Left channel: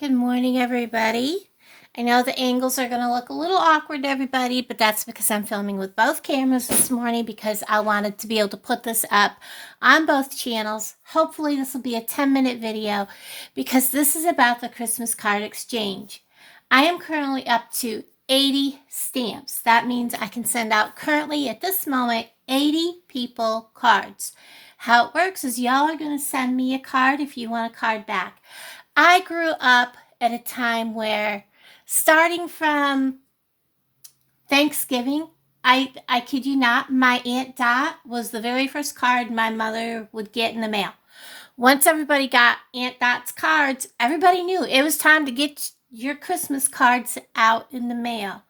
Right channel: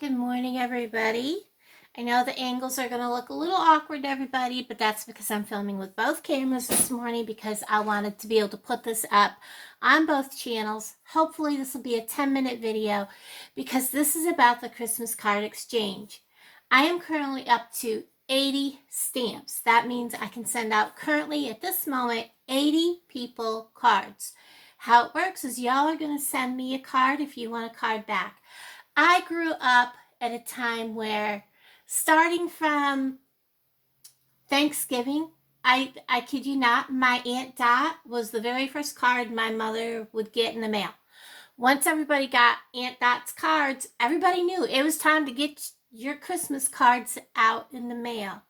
Good morning, everybody. I know the angles are going to look a little awkward to everybody, but that's because I'm filming with both cameras this morning because I wanted to be able to put this up on both channels. Hopefully this will be a 10-minute video because this is about the Christmas card exchange. I am currently up to 80 stamps. That means I can send out currently at this moment 80 people cards. How it works is y'all are going to send me a card if you want a card back. I grew up at a time where, starting from Thanksgiving, I kid you not, my Aunt Dot was the very first card my mother would get in the mail. Once everybody got Aunt Dot's cards, everybody knew it was time to get your Christmas cards out in the mail.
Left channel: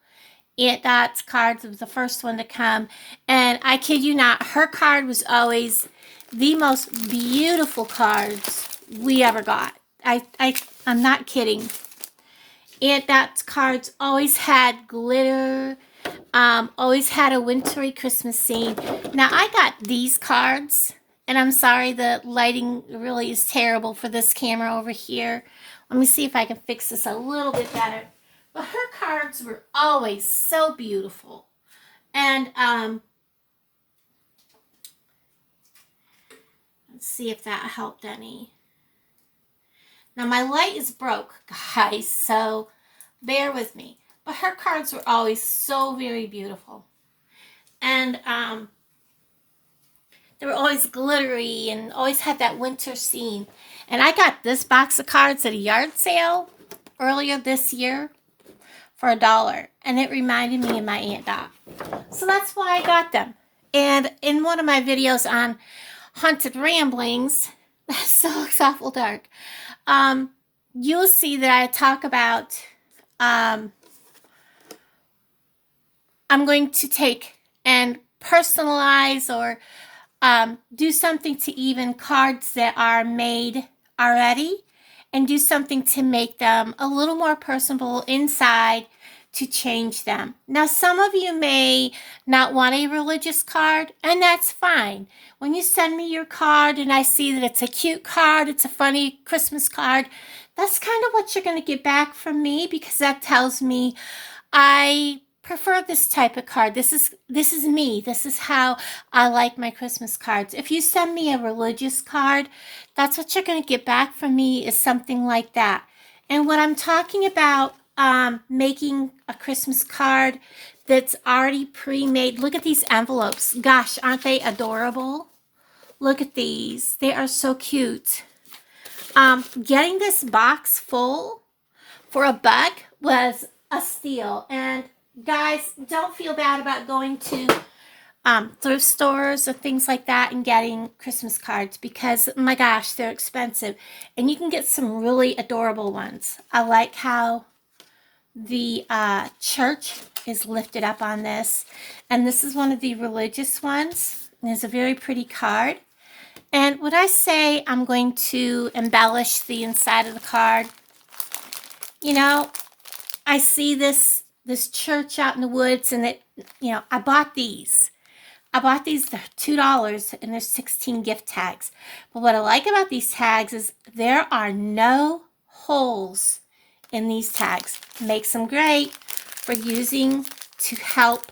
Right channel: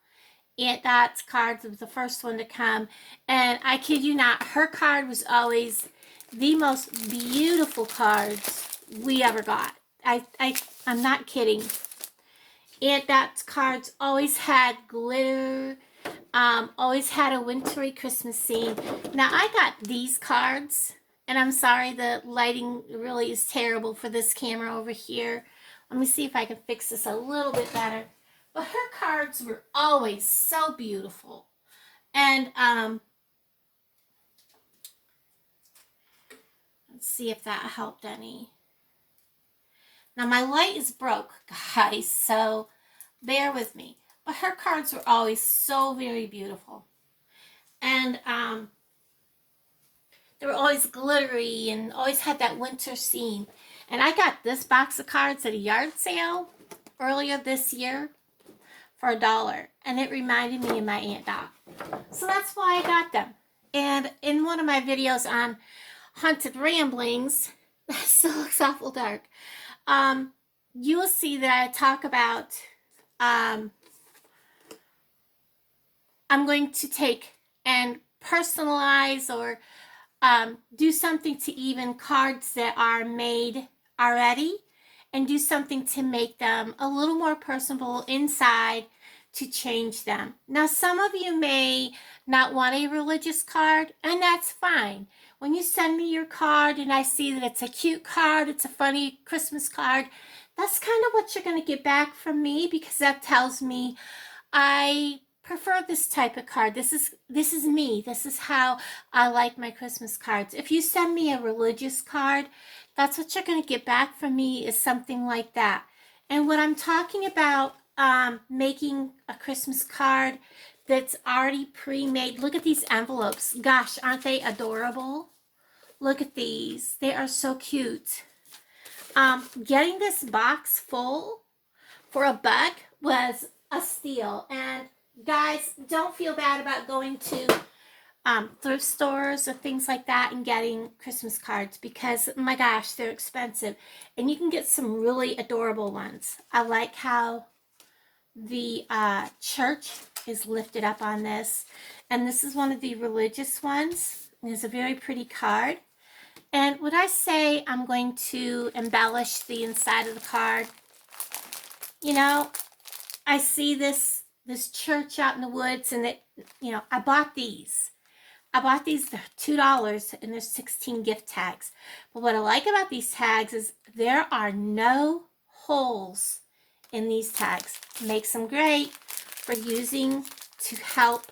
Aunt Dot's cards was the first one to come, and I kid you not, her card was always the most beautiful cards we ever got. I'm not kidding. Aunt Dot's cards always had glitter, always had a wintry Christmas scene. Now, I got these cards, and I'm sorry the lighting really is terrible for this camera over here. Let me see if I can fix this a little bit better. But her cards were always so beautiful. And let's see if that helped any. Now, my light is broke, guys, so bear with me. But her cards were always so very beautiful. And they were always glittery and always had that winter scene. And I got this box of cards at a yard sale earlier this year for $1. And it reminded me of my Aunt Dot. So that's why I got them. And in one of my videos on Haunted Ramblings, that still looks awful dark, you'll see that I talk about, I'm going to take and personalize or do something to even cards that are made already and do something to make them a little more personable inside to change them. Now, some of you may not want a religious card, and that's fine. When you send me your card and I see that it's a cute card, it's a funny Christmas card, that's kind of what you're going to get back from me because that tells me I prefer this type of card. This is me. This is how I like my Christmas cards. If you send me a religious card, that's what you're going to get back from me is something like that. And what I'm talking about, making a Christmas card that's already pre-made. Look at these envelopes. Gosh, aren't they adorable? Look at these. They are so cute. Getting this box full for $1 was a steal. And guys, don't feel bad about going to thrift stores or things like that and getting Christmas cards because, my gosh, they're expensive. And you can get some really adorable ones. I like how the church is lifted up on this. And this is one of the religious ones. It's a very pretty card. And when I say I'm going to embellish the inside of the card, you know, I see this church out in the woods, and I bought these. They're $2, and there's 16 gift tags. But what I like about these tags is there are no holes in these tags. Makes them great for using to help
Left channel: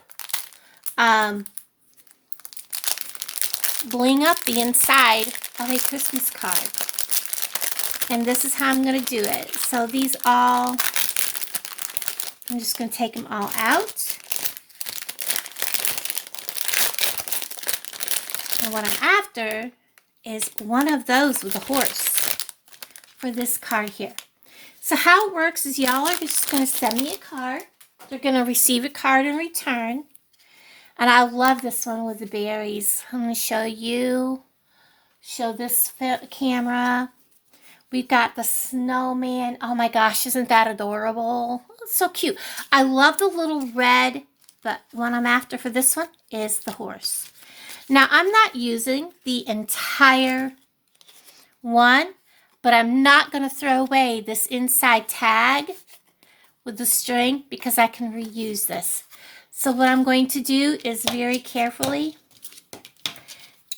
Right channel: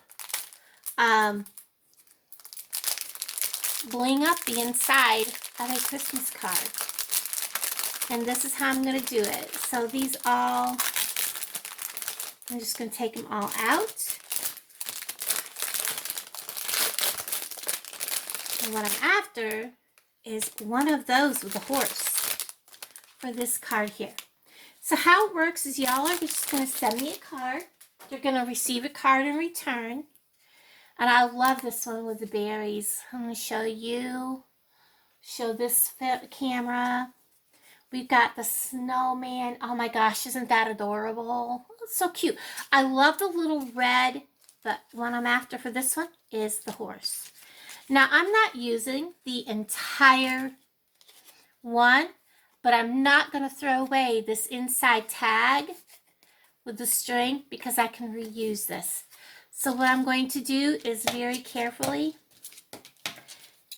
bling up the inside of a Christmas card. And this is how I'm going to do it. So these all, I'm just going to take them all out. And what I'm after is one of those with a horse for this card here. So how it works is y'all are just going to send me a card. They're going to receive a card in return. And I love this one with the berries. I'm going to show you. Show this camera. We've got the snowman. Oh my gosh, isn't that adorable? It's so cute. I love the little red, but what I'm after for this one is the horse. Now, I'm not using the entire one, but I'm not going to throw away this inside tag with the string because I can reuse this. So what I'm going to do is very carefully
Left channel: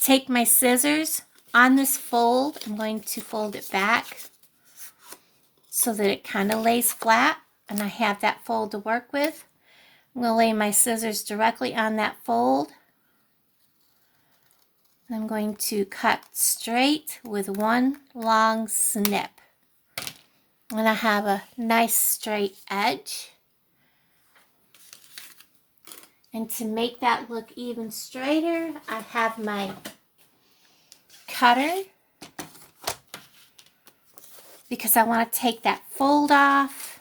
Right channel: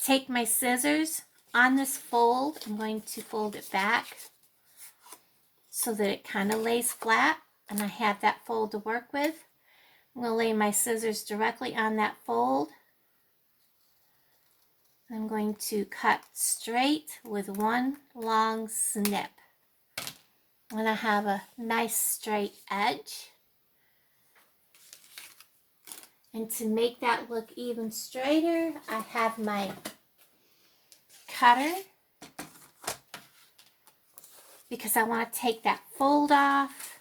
take my scissors on this fold. I'm going to fold it back so that it kind of lays flat, and I have that fold to work with. I'm going to lay my scissors directly on that fold. I'm going to cut straight with one long snip. And I have a nice straight edge. And to make that look even straighter, I have my cutter, because I want to take that fold off.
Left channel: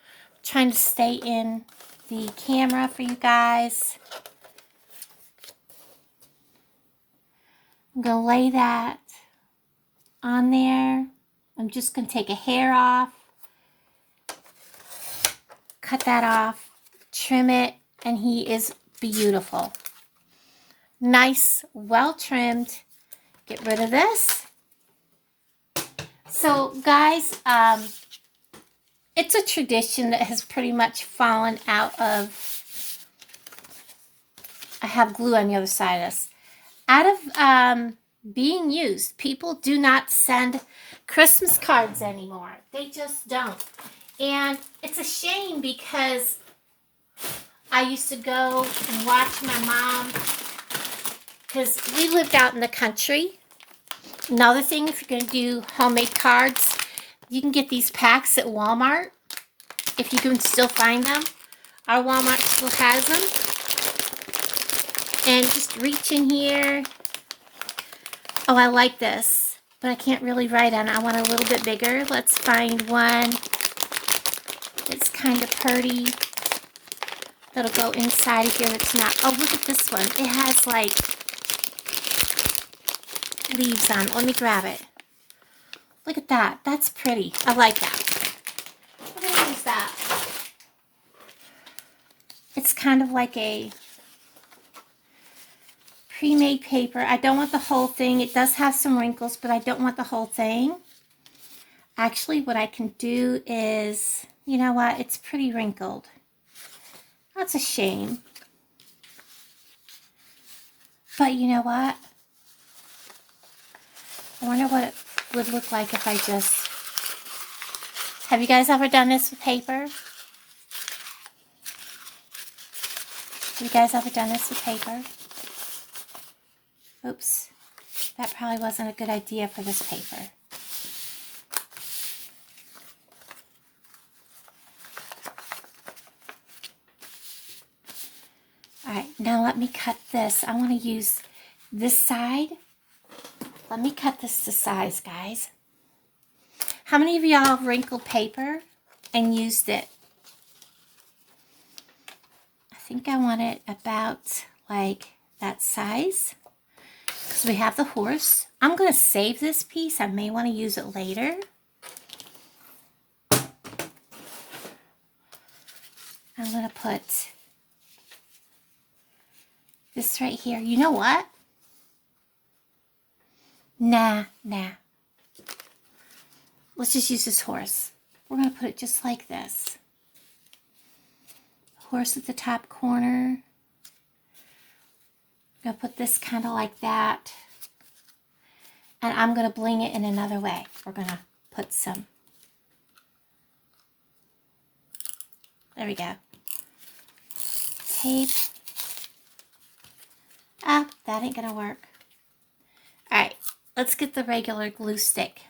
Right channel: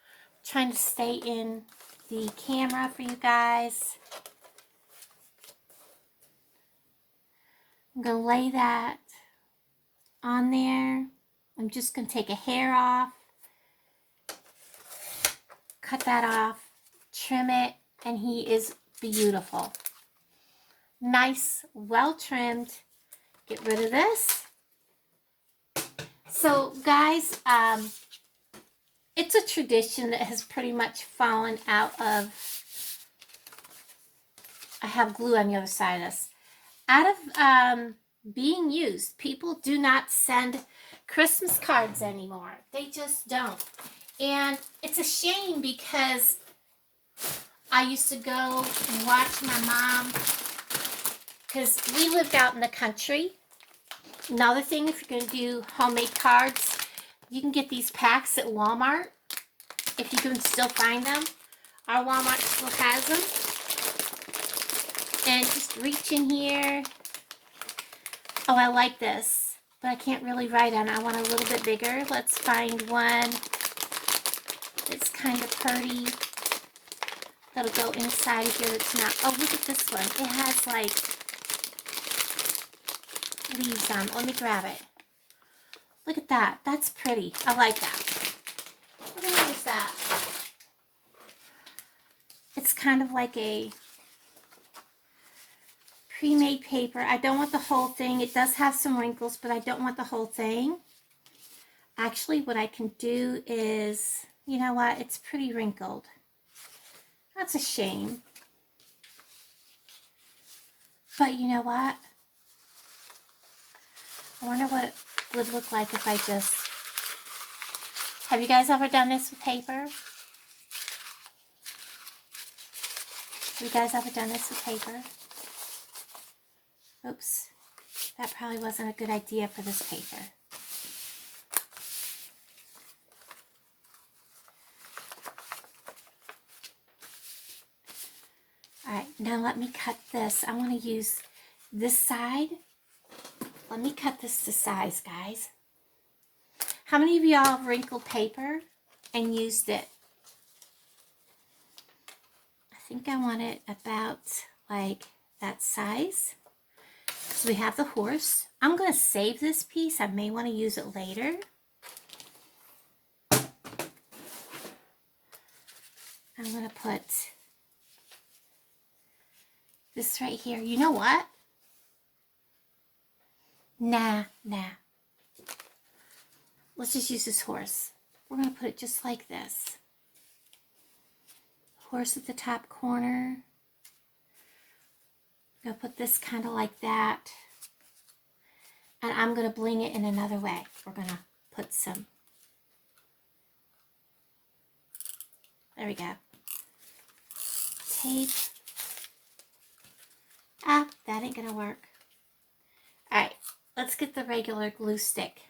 I'm trying to stay in the camera for you guys. I'm going to lay that on there. I'm just going to take a hair off, cut that off, trim it, and he is beautiful. Nice, well trimmed. Get rid of this. So guys, it's a tradition that has pretty much fallen out of, I have glue on the other side of this, out of being used. People do not send Christmas cards anymore. They just don't. And it's a shame, because I used to go and watch my mom, because we lived out in the country. Another thing, if you're going to do homemade cards, you can get these packs at Walmart, if you can still find them. Our Walmart still has them. And just reach in here. Oh, I like this, but I can't really write on it. I want a little bit bigger. Let's find one that's kind of pretty, that'll go inside of here that's not. Oh, look at this one. It has like leaves on it. Let me grab it. Look at that. That's pretty. I like that. What is that? It's kind of like a pre-made paper. I don't want the whole thing. It does have some wrinkles, but I don't want the whole thing. Actually, what I can do is, you know what? It's pretty wrinkled. That's a shame. But you know what? I wonder what it would look like if I just... Have you guys ever done this with paper? Have you guys ever done this with paper? Oops. That probably wasn't a good idea for this paper. Alright, now let me cut this. I want to use this side. Let me cut this to size, guys. How many of y'all have wrinkled paper and used it? I think I want it about like that size, because we have the horse. I'm going to save this piece. I may want to use it later. I'm going to put this right here. You know what? Nah. Let's just use this horse. We're going to put it just like this. Horse at the top corner. I'm going to put this kind of like that. And I'm going to bling it in another way. We're going to put some. There we go. Tape. Ah, that ain't going to work. Alright, let's get the regular glue stick.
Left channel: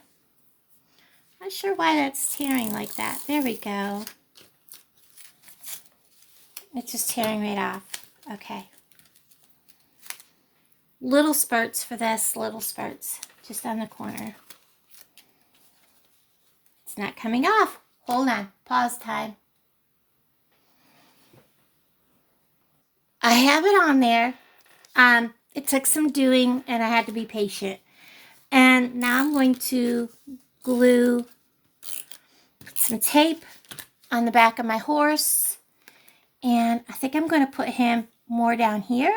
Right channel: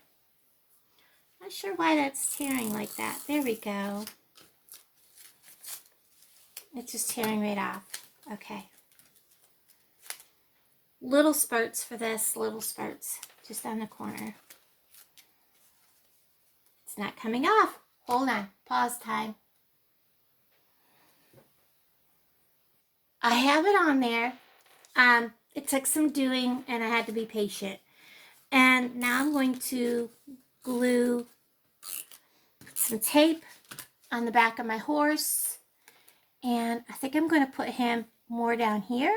Not sure why that's tearing like that. There we go. It's just tearing right off. Okay. Little spurts for this, little spurts. Just on the corner. It's not coming off. Hold on. Pause time. I have it on there. It took some doing, and I had to be patient. And now I'm going to glue some tape on the back of my horse. And I think I'm going to put him more down here.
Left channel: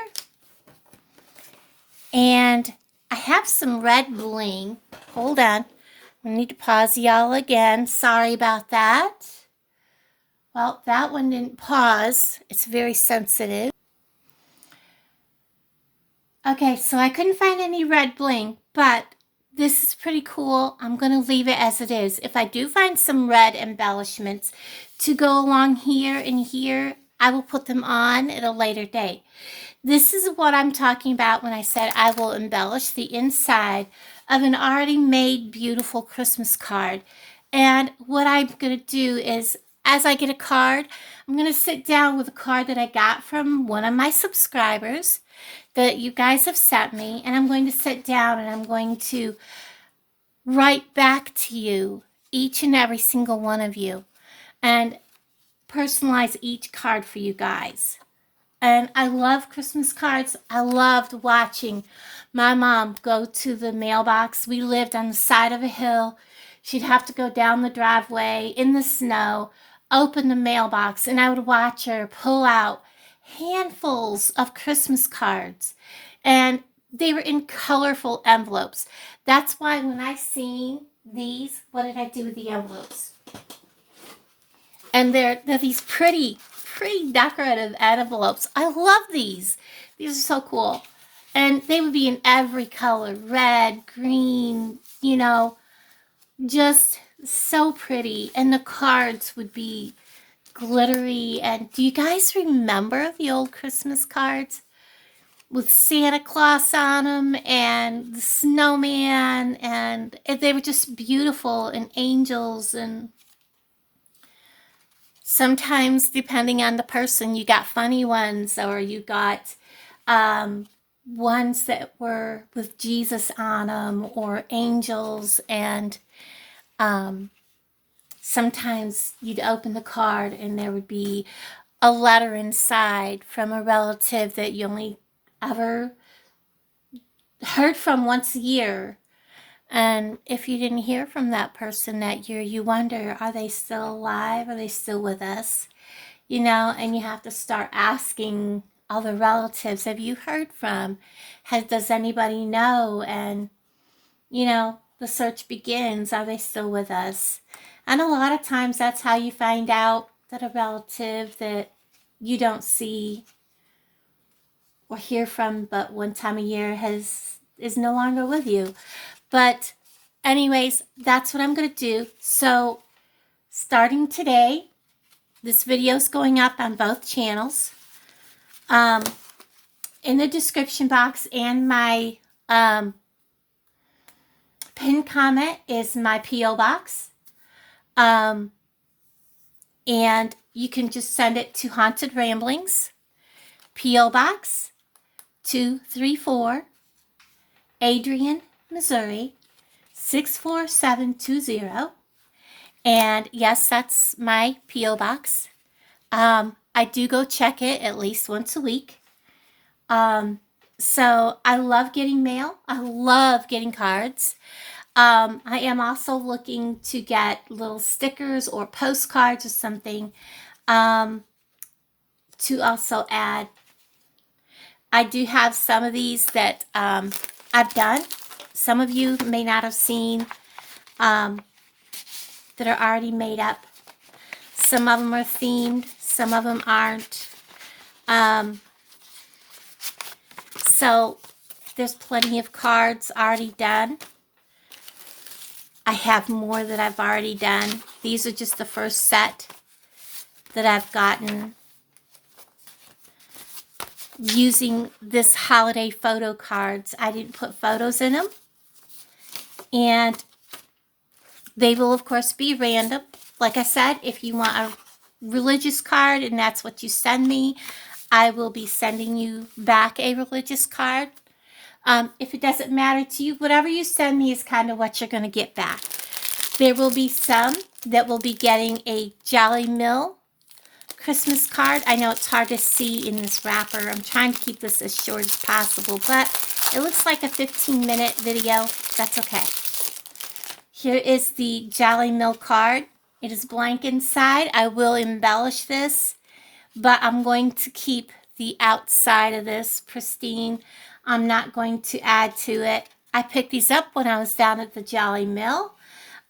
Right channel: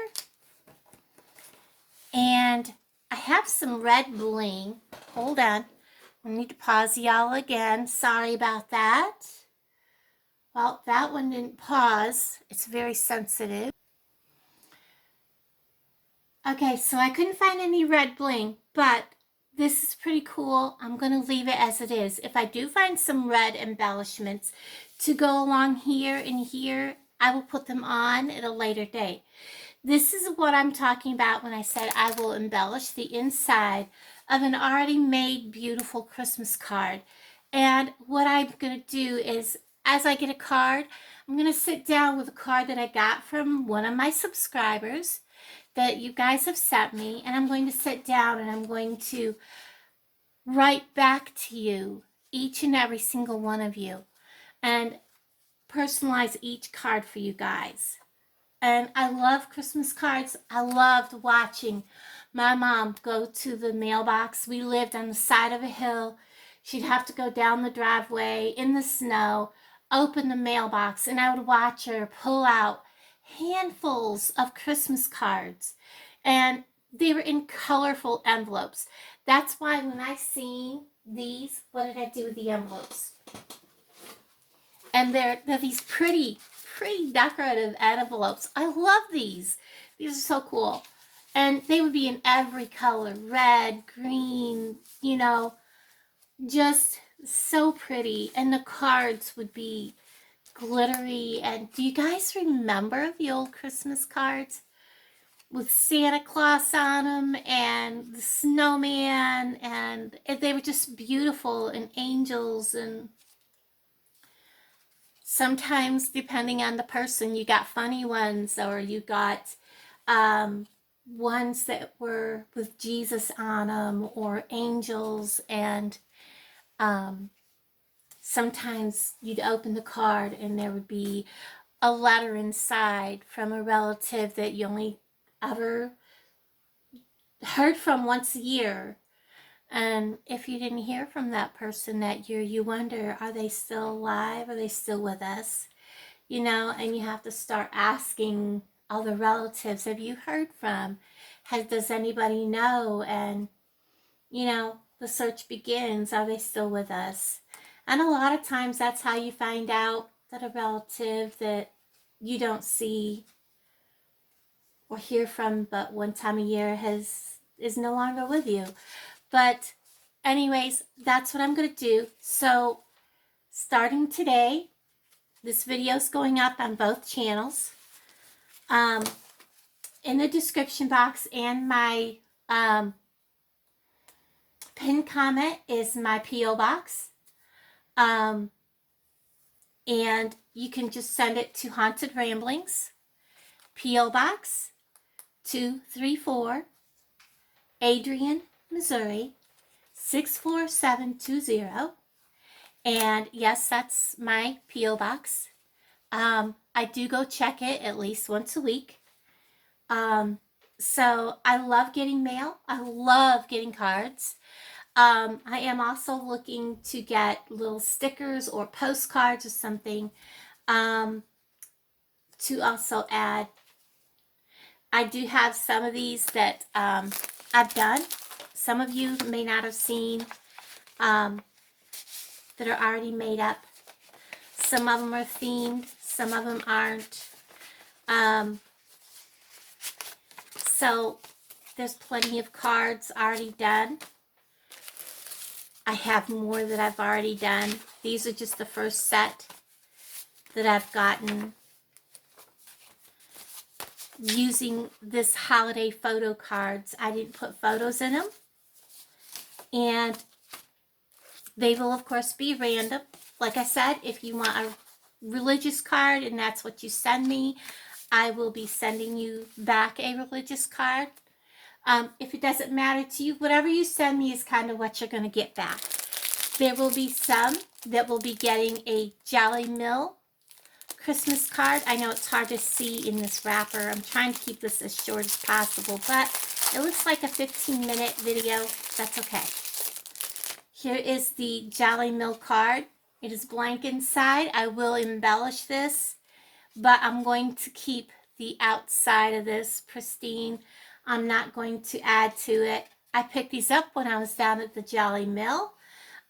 And I have some red bling. Hold on. I need to pause y'all again. Sorry about that. Well, that one didn't pause. It's very sensitive. Okay, so I couldn't find any red bling, but this is pretty cool. I'm going to leave it as it is. If I do find some red embellishments to go along here and here, I will put them on at a later date. This is what I'm talking about when I said I will embellish the inside of an already made beautiful Christmas card. And what I'm going to do is, as I get a card, I'm going to sit down with a card that I got from one of my subscribers that you guys have sent me, and I'm going to sit down and I'm going to write back to you, each and every single one of you, and personalize each card for you guys. And I love Christmas cards. I loved watching my mom go to the mailbox. We lived on the side of a hill. She'd have to go down the driveway in the snow, open the mailbox, and I would watch her pull out handfuls of Christmas cards. And they were in colorful envelopes. That's why when I seen these, what did I do with the envelopes? And they're these pretty decorative envelopes. I love these. These are so cool. And they would be in every color, red, green, you know, just so pretty. And the cards would be glittery. And do you guys remember the old Christmas cards with Santa Claus on them and the snowman? And they were just beautiful, and angels. And sometimes, depending on the person, you got funny ones, or you got ones that were with Jesus on them, or angels. And sometimes you'd open the card and there would be a letter inside from a relative that you only ever heard from once a year. And if you didn't hear from that person that year, you wonder, are they still alive? Are they still with us? You know, and you have to start asking other relatives, have you heard from? Does anybody know? And, you know, the search begins, are they still with us? And a lot of times that's how you find out that a relative that you don't see or hear from but one time a year is no longer with you. But anyways, that's what I'm going to do. So starting today, this video is going up on both channels. In the description box and my pinned comment is my P.O. box. And you can just send it to Haunted Ramblings, P.O. Box 234, Adrian, Missouri 64720. And yes, that's my P.O. box. I do go check it at least once a week. So I love getting mail. I love getting cards. I am also looking to get little stickers or postcards or something to also add. I do have some of these that I've done. Some of you may not have seen that are already made up. Some of them are themed, some of them aren't. So there's plenty of cards already done. I have more that I've already done. These are just the first set that I've gotten using this holiday photo cards. I didn't put photos in them. And they will, of course, be random. Like I said, if you want a religious card and that's what you send me, I will be sending you back a religious card. If it doesn't matter to you, whatever you send me is kind of what you're going to get back. There will be some that will be getting a Jolly Mill Christmas card. I know it's hard to see in this wrapper. I'm trying to keep this as short as possible, but it looks like a 15-minute video. That's okay. Here is the Jolly Mill card. It is blank inside. I will embellish this, but I'm going to keep the outside of this pristine. I'm not going to add to it. I picked these up when I was down at the Jolly Mill,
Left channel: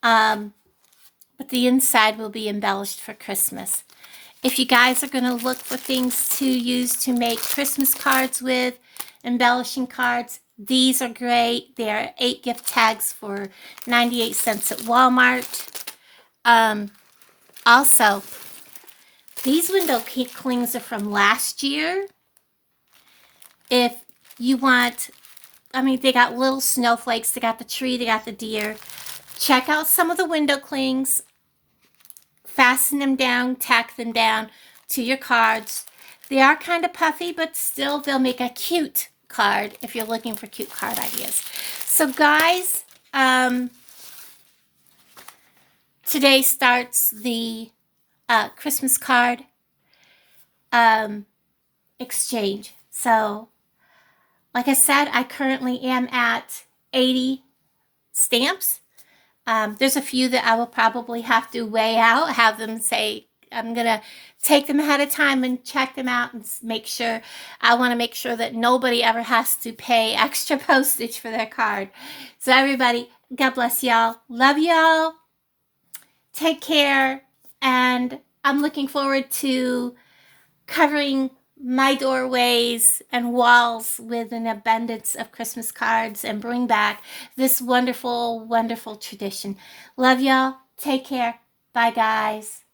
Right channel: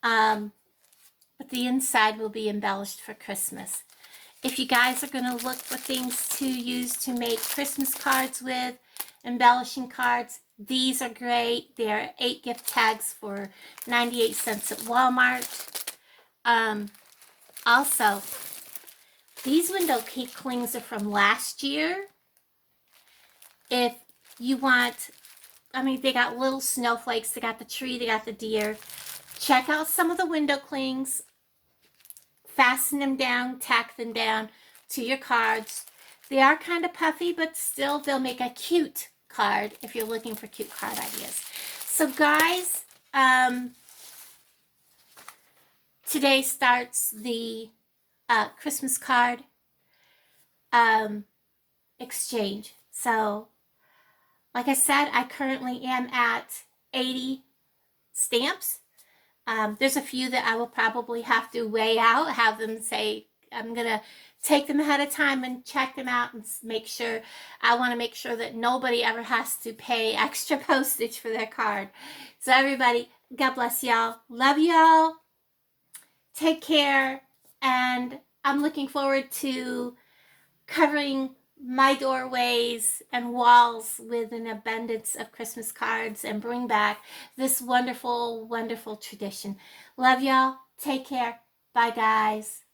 but the inside will be embellished for Christmas. If you guys are going to look for things to use to make Christmas cards with, embellishing cards, These are great. They're 8 gift tags for 98 cents at Walmart. Also, these window clings are from last year. If you want, I mean, they got little snowflakes. They got the tree. They got the deer. Check out some of the window clings. Fasten them down, tack them down to your cards. They are kind of puffy, but still they'll make a cute card if you're looking for cute card ideas. So guys, today starts the Christmas card exchange. So like I said, I currently am at 80 stamps. There's a few that I will probably have to weigh out, have them say, I'm going to take them ahead of time and check them out and make sure. I want to make sure that nobody ever has to pay extra postage for their card. So everybody, God bless y'all. Love y'all. Take care. And I'm looking forward to covering my doorways and walls with an abundance of Christmas cards and bring back this wonderful, wonderful tradition. Love y'all. Take care. Bye, guys.